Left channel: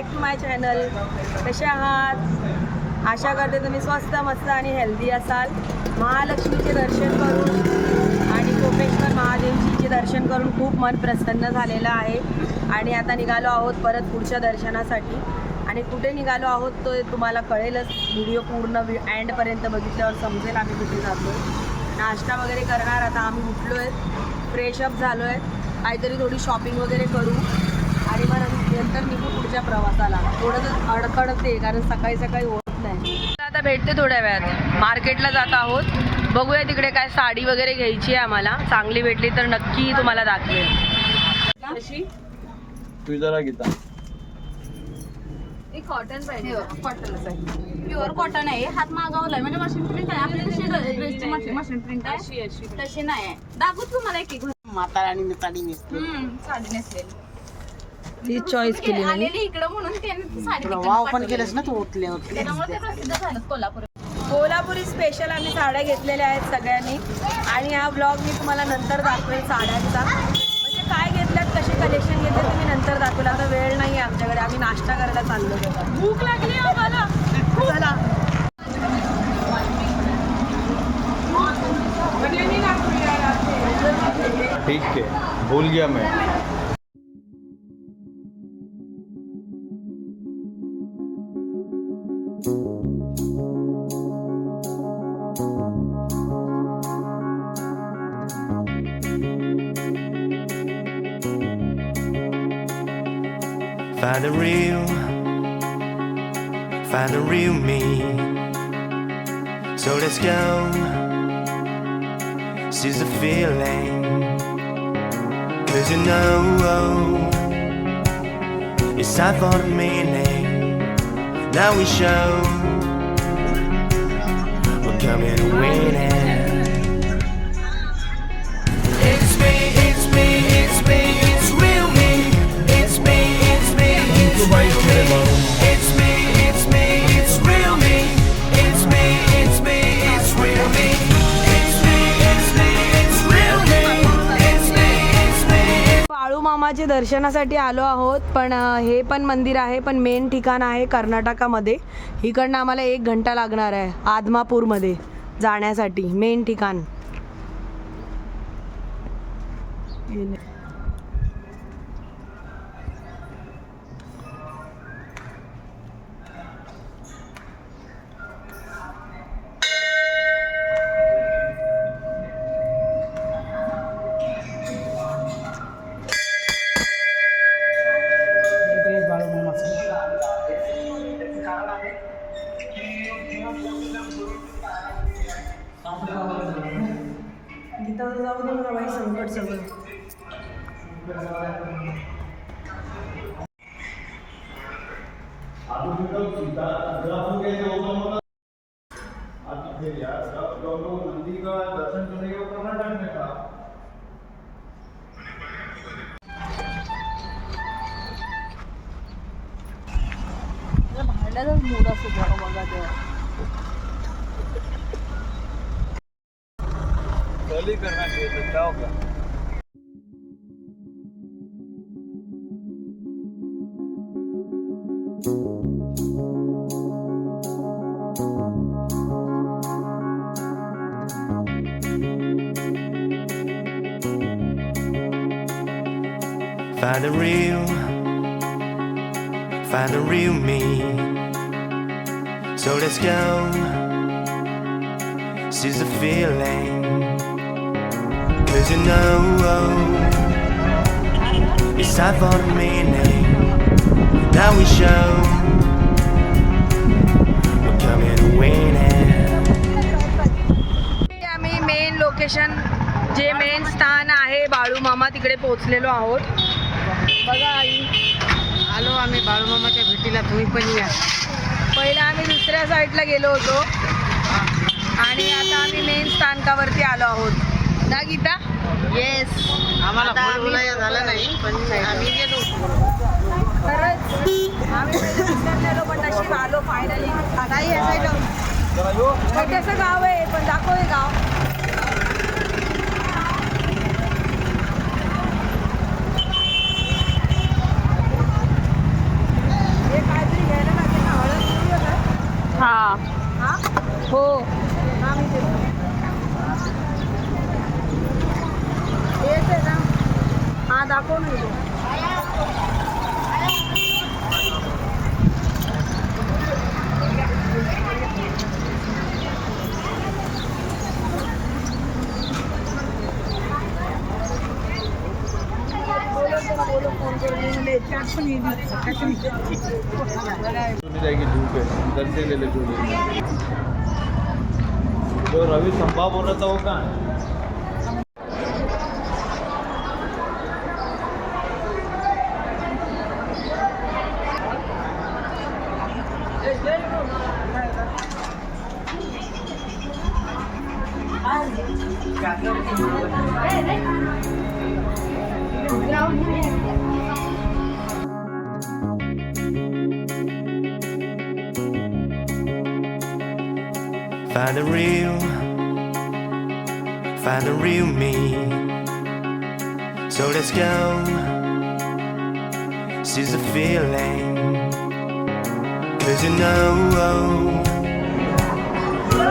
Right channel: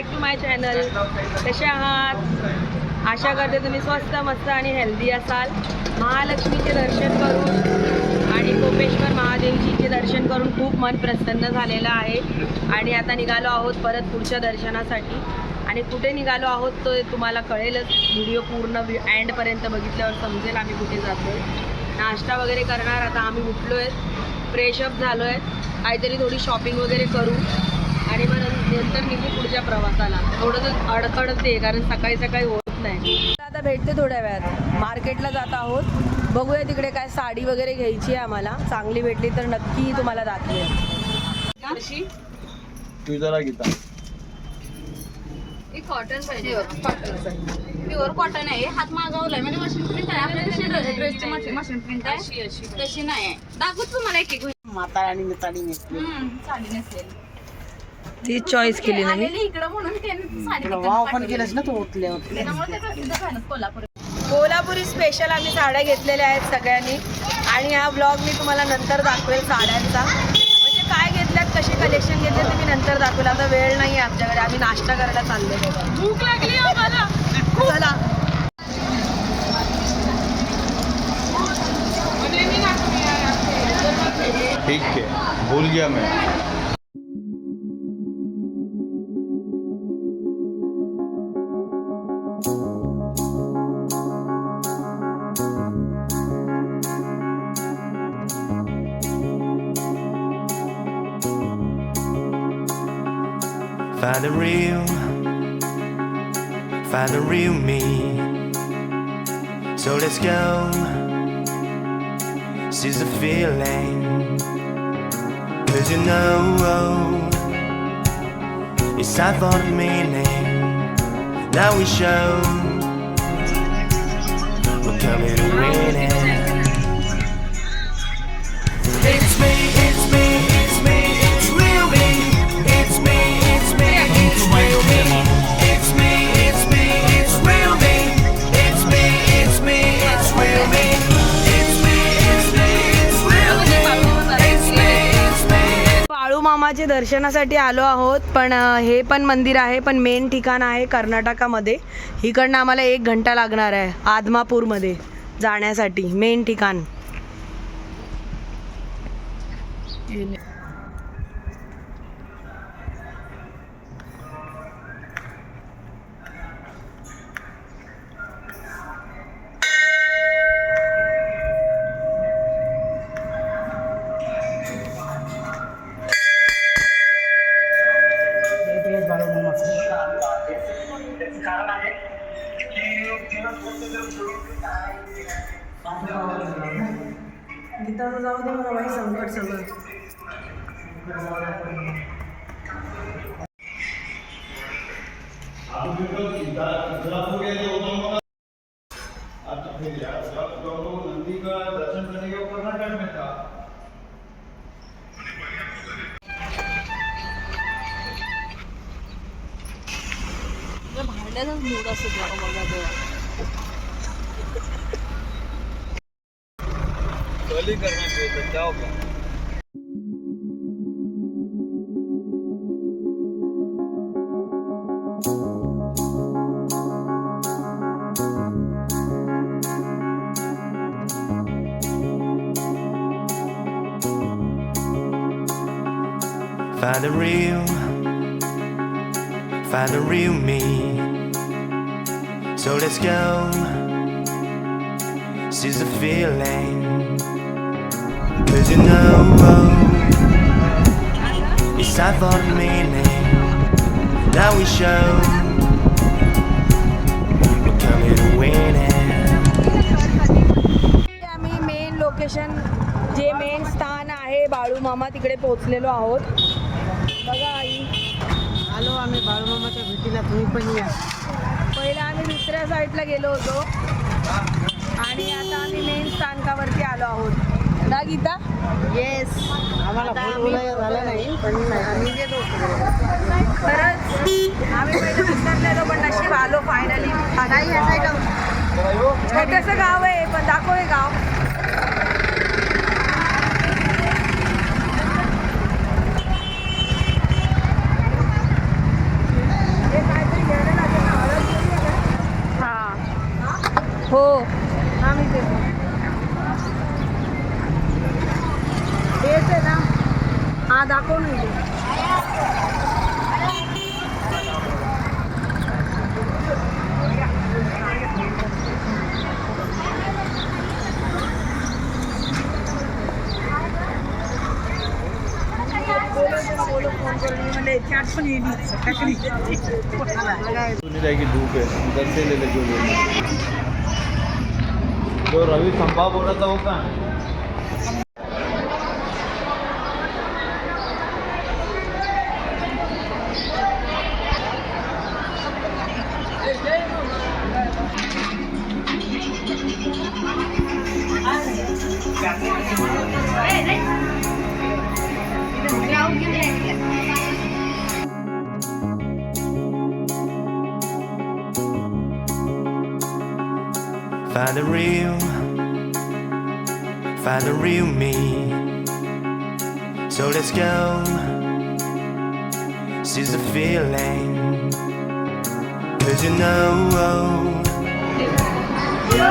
Back to my channel. कसे आहात? आशा करते तुम्ही स्वस्त मस्त आणि हेल्दी असाल. महालक्ष्मीचे दर्शन करून आणि कोपेश्वर महादेवजीचे दर्शन करून खूप मन प्रसन्न झालेलं आहे. आणि आता निघालो आहोत परत पुढच्या दर्शनासाठी. आणि कुठे निघालो आहोत तो तुम्हाला कळेलच. व्हिडिओ पूर्ण एंडपर्यंत बघितल्यावर समजेल आम्ही कुठे जातो आहे. नाश्ता वगैरे करणार. आता आम्ही उठलो आहे, फ्रेशअप झालो आहे, काहीतरी थोडी शॉपिंग वगैरे करू आणि मग नंतर निघू पुढच्या प्रवासाला. थोडंसं अडखडते कारण सकाळी सकाळी होत नाही. आता भेटते थोड्या वेळात. मार्केटला जात आहोत, बघूया तिकडे काय साडी वगैरे घ्यायची आहे आम्हाला. चांगली भेटली तर नक्की तुम्हाला दाखवेल. कशी तू जरा घेता कॉटन पाहिजे. कॉटनच आहे, प्युअर कॉटन आहे. हात मागवलाय म्हणजे मशीन प्रिंट आहे. आपल्याला मशीन प्रिंट आहे तशी नाही आहे. दाखवत तुम्हाला एक एक म्हातारा आणि साडी नेसली. साडी नेसलेली तीच चॉईस केली ना मी. इकडं म्हणून त्यांनी साडी वाव पण केलंस ना तू ओतल्या त्यामुळे ते प्रसिद्ध झालं कोल्हापूर. कोल्हापुरी स्पेशल आम्ही साड्या घेतलेल्या आहेत सगळ्यांनी. आणि हा ब्लॉग मी तुम्हाला नंतर दाखवेल साड्यांचा. म्हणजे काय घेतल्यात, कसे कलेक्शन घेतले ते मी नंतर दाखवेल. आता वेळ नाही आहे आमच्याकडे, आम्ही नाश्ता करायला चालले बघा. भूक लागली आम्हाला. चला. ठीक है, भूल गया मैं. Find the real me. So let's go. Seize the feeling. 'Cause you know it's time for the meaning. Now we show we're coming to win it. It's me, it's me, it's me, it's real me. It's me, it's me, it's real me. It's me, it's me, it's real me. It's me, it's me, it's real me. It's me, it's me, it's real me. It's me, it's me. Balu मामाचे दर्शनासाठी आलो आहोत. पण हे पण मंदिर आहे, पण main ठिकाण आहे कर्नाटकामध्ये. इकडनं आम्हाला 1 घंटा लागणार आहे आदमापूरमध्ये जाण्यासाठी. मेन ठिकाण तिथं जाऊ दे मला बाई, संकट सगळं. नंदी का दर्शन करने के कर्नाटक में था. भांड्याचाच मूड असतो बघा तेव्हा. गली करना चाहिए जाओ क्या. Find the real me. So let's go. Seize the feeling. 'Cause you know it's time for the meaning. Now we show we're coming to win it. आम्ही मेन लोकेशन, जे मेन स्थान आहे बाळू मामा, तिकडे पोहोचलेलो आहोत. बघा आई, आलो आम्ही बाळूमामाच्या भेटीला. तुम्ही पण या. पहिला आम्ही दुसऱ्या साईडला गेलो होतो आणि आता आम्ही मेन स्थानकावरती आलो आहोत ना गीता. येस, आम्हाला झालं नाही पण आम्ही गेलो होतो. खरंच आम्ही पहिले विसरलेलो पण नशीब आलो फायनली. नाही असायचं. छोटंसं गाव आहे पण दाखव हे गाव. दाखव नाही. जाएगी धूप है उधर से ले लो जो रवि खंभा बोला था वो कहाँ है? Find the real me. So let's go. Seize the feeling. 'Cause you know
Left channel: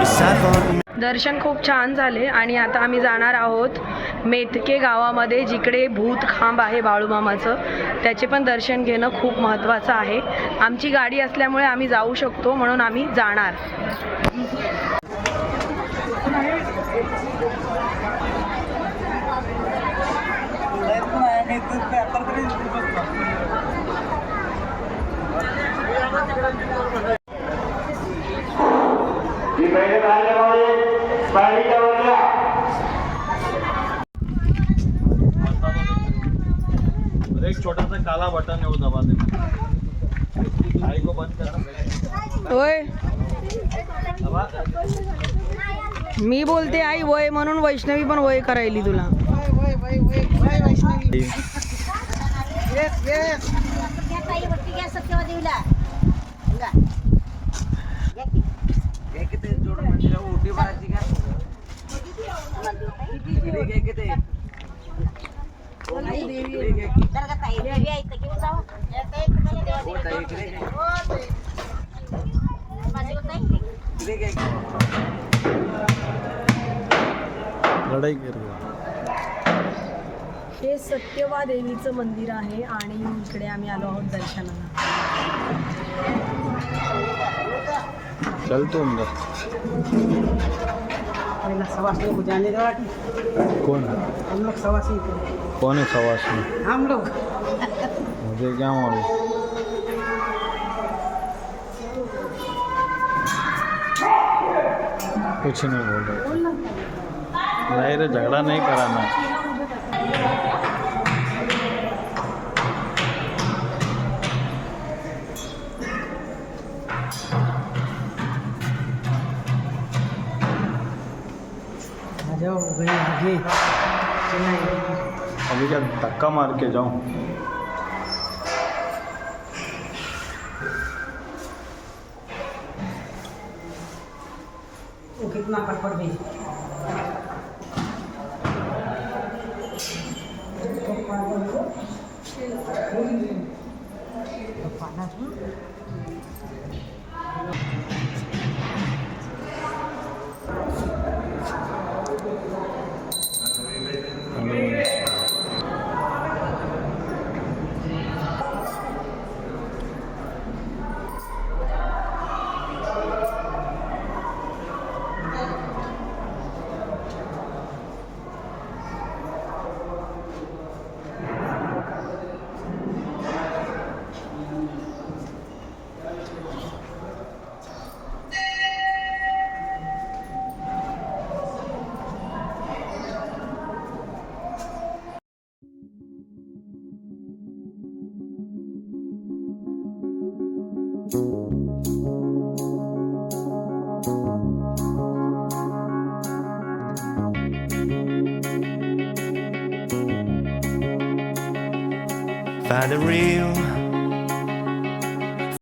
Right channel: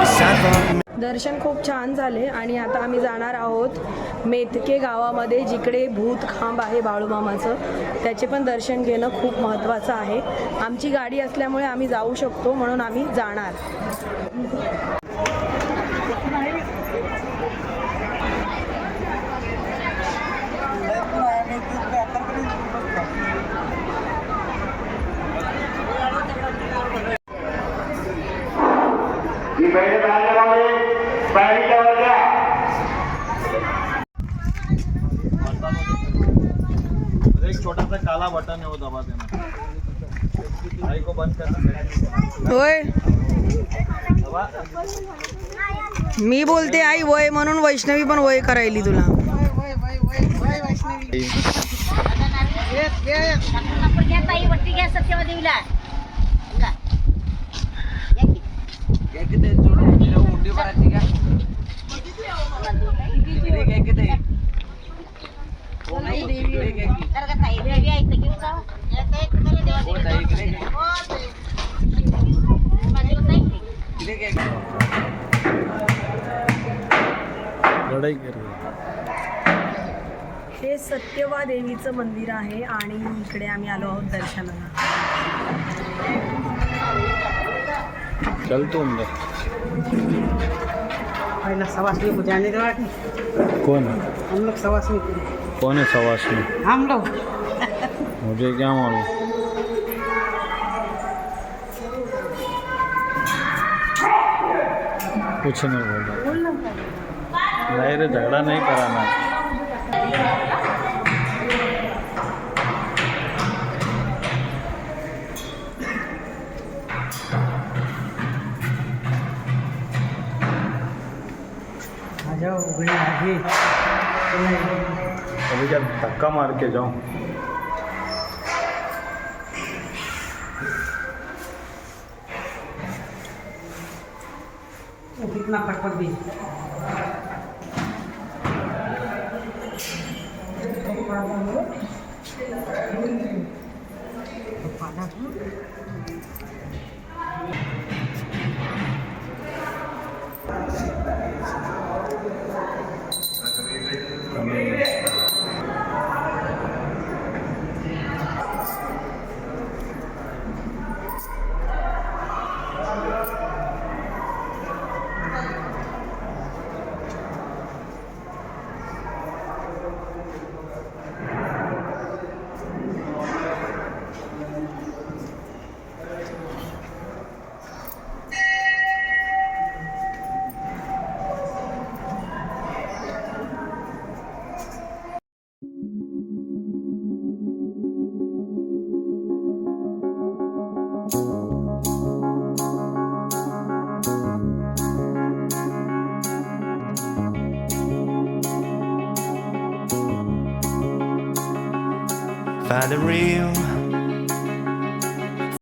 it's time for me. दर्शन खूप छान झाले आणि आता आम्ही जाणार आहोत मेथके गावामध्ये, जिकडे भूत खांब आहे बाळूमामाचं. त्याचे पण दर्शन घेणं खूप महत्त्वाचं आहे. आमची गाडी असल्यामुळे आम्ही जाऊ शकतो, म्हणून आम्ही जाणार. एक छोटा सा काला बटन है वो दबा देना. गाड़ी को बंद करना. होय, मी बोलते आई वय म्हणून वैष्णवी पण वय करायली तुला. लढाई कर रही है. हे सत्यवा देवीचं मंदिर आहे आणि इकडे आम्ही आलो आहोत दर्शनाला. चल तो अंदर. पहला सवासनी को जाने दो. कौन हम लोग सवासनी को. कौन है सवासनी? हम लोग मुझे क्या मालूम. कुछ नहीं बोल रहा. नहीं रे, झगड़ा नहीं कराना है. आ जाओ गई आगे. अभी क्या धक्का मार के जाऊं? वो कितना कटपट भी. Find the real